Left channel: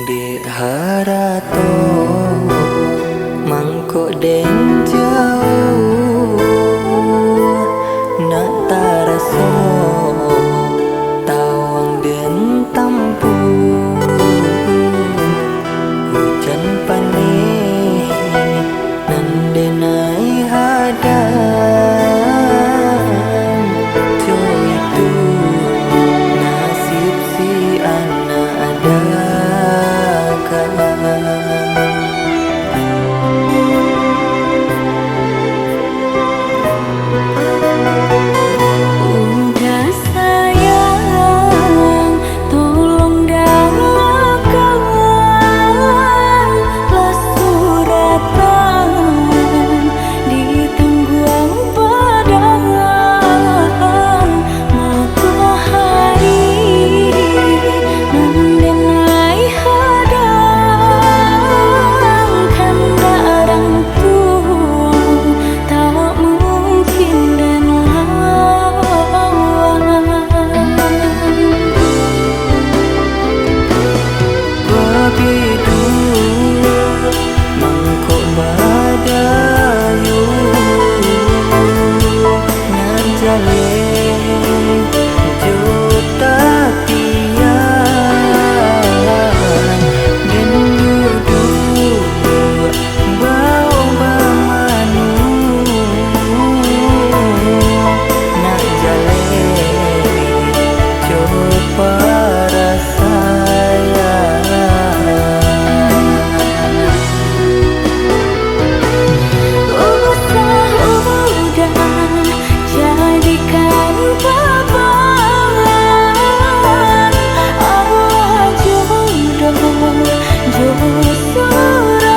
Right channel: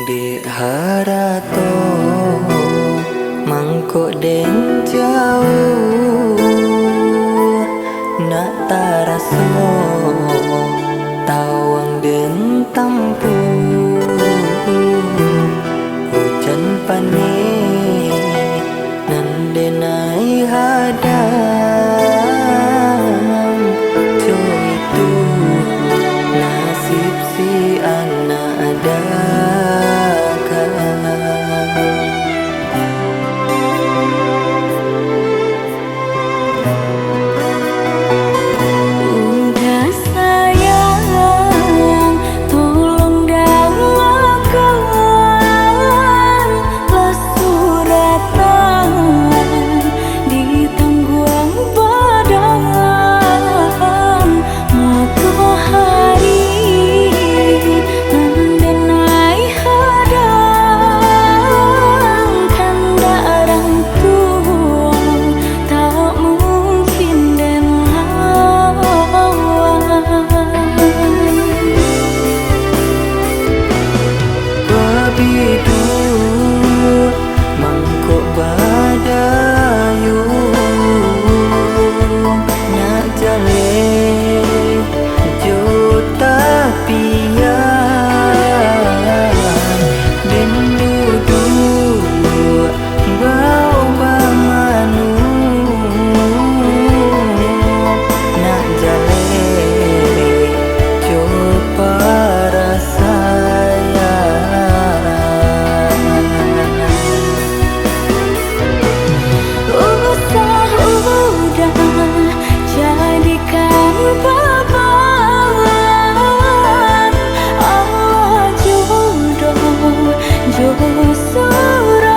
Di harato mangkok den jauh nak taraso tawang den tampu hujan pane nan denai hadam jo itu nasib si anak dagang. Udah sayang, tolong dalakan lah suratan di tangguang badan matahari nandenai hadang kandarang tua tak mungkin den Babidu mangkok badayu nak jale jota pian den dudu bau bamanu nak jale coba rasaya. Jadikan paparan Allah jodoh suratan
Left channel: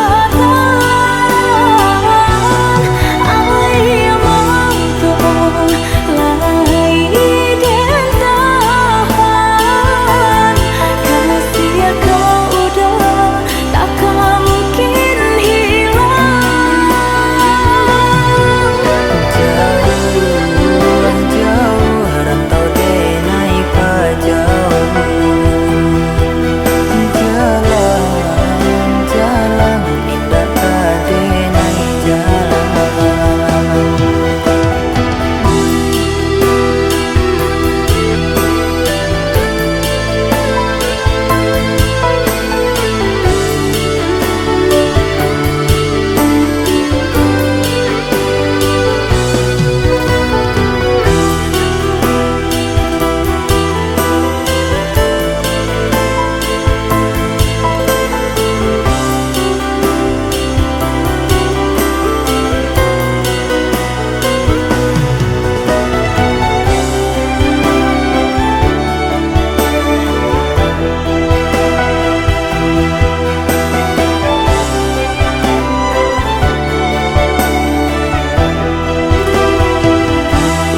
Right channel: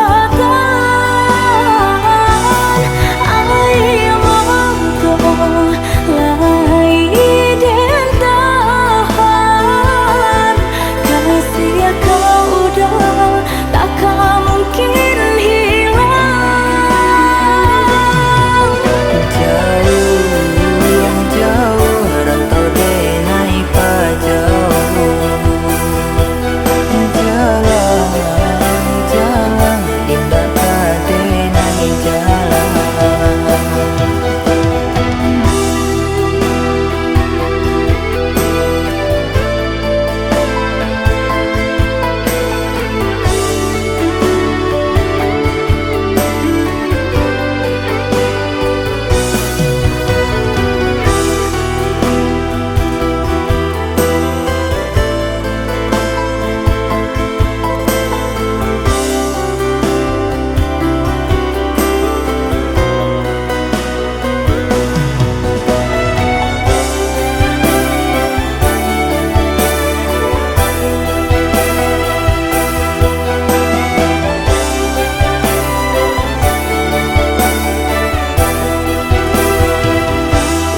ayam mantong lai den tahan kasih kau udah takkan mungkin hilang jauh rantau denai pajauh jalan indah kadenai jalan.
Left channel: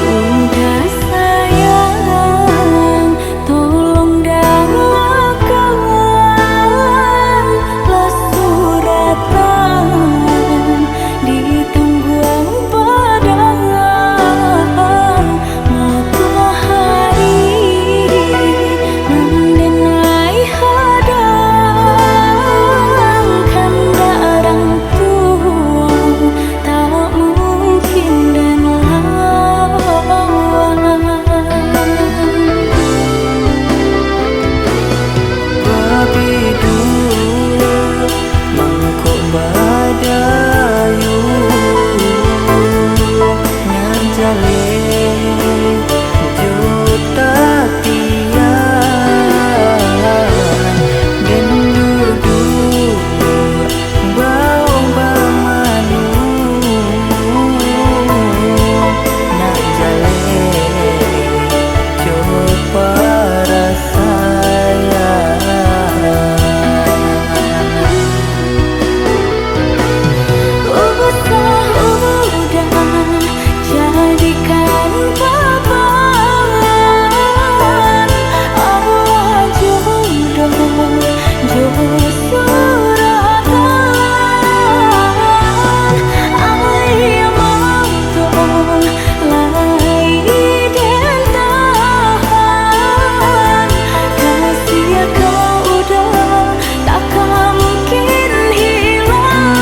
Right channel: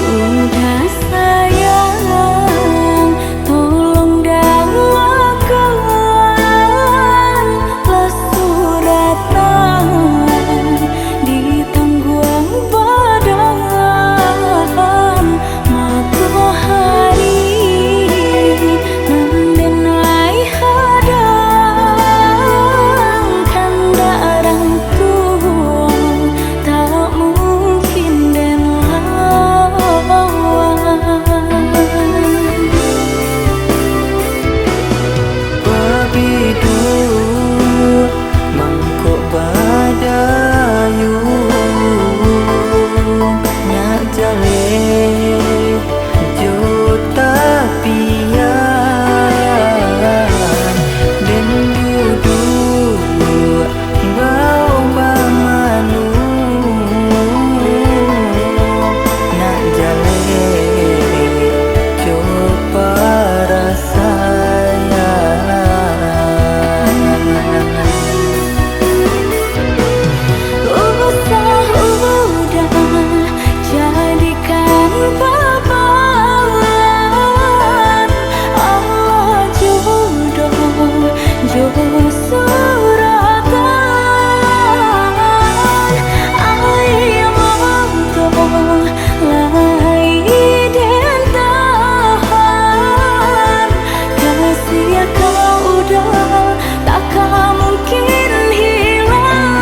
Udah sayang, tolong dalakan lah suratan di tangguang badan matahari nandenai hadang kandarang tua tak mungkin den Babidu mangkok badayu nak jale jota pian den dudu bau bamanu nak jale coba rasaya. Jo suratan ai mau to lai den tahan kasih kau udah takkan mungkin hilang.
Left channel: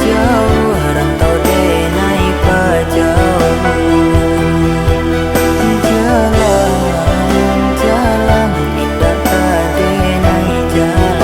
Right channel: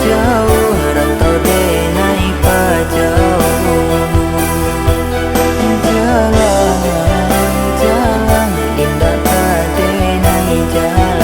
Jauh rantau denai pa jauh, jalan indah ka denai jalan.